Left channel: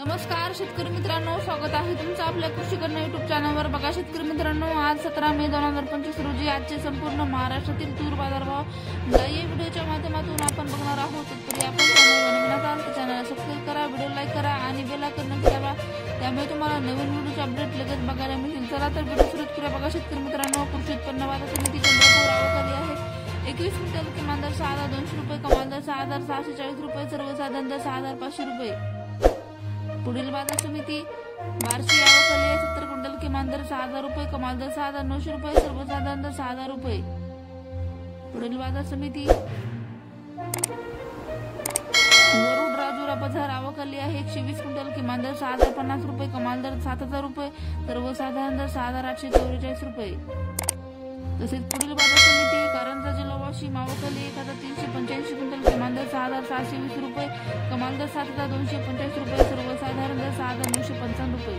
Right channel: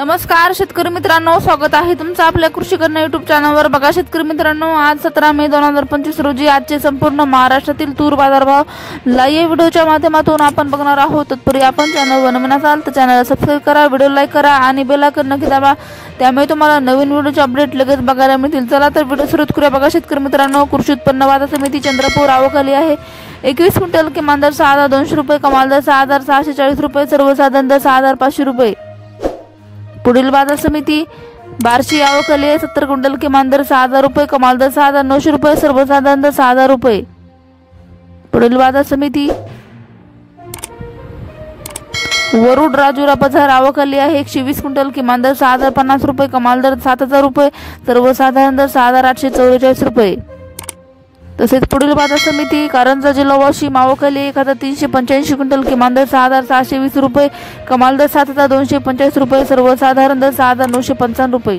नमस्कार शेतकरी मित्रांनो, स्वागत आहे तुमचं आपल्या कृषी कन्या युट्यूब चॅनलवर। बघा शेतकरी मित्रांनो, आज 17 मे 2025 रोजी आजचे संपूर्ण महाराष्ट्रातील तूर बाजारभाव लाईव्ह व्हिडिओच्या माध्यमातून आपण बघणार आहोत। तत्पूर्वी आपण चॅनलवर नवीन असाल तर चॅनलला सबस्क्राइब करा, व्हिडिओ लाईक करा आणि बेल आयकॉन नक्की दाबा, त्यामुळे तुम्हाला नवीन व्हिडिओचे अपडेट लगेच बघायला मिळतील। चला तर व्हिडिओ सुरू करूया। बघा शेतकरी मित्रांनो, कृषी उत्पन्न बाजार समिती चंद्रपूर आवक आली आहे 21 क्विंटल, किमान दर 6200 रुपये, कमाल दर 6640 रुपये, सर्वसाधारण दर 6500 रुपये। पुढील बाजार समिती बार्शी आवक आली आहे 70 क्विंटल, किमान दर 6000 रुपये, कमाल दर 6900 रुपये, सर्वसाधारण दर 6000 रुपये। पुढील बाजार समिती वरुड राजुरा बाजार आवक आली आहे 120 क्विंटल, किमान दर 6050 रुपये, कमाल दर 7000 रुपये, सर्वसाधारण दर 6844 रुपये। तसेच पुढील बाजार समिती कारंजा जिल्हा वाशिम आवक आली 1385 क्विंटल, किमान दर 6620 रुपये, कमाल दर 7245 रुपये, सर्वसाधारण दर 6955 रुपये।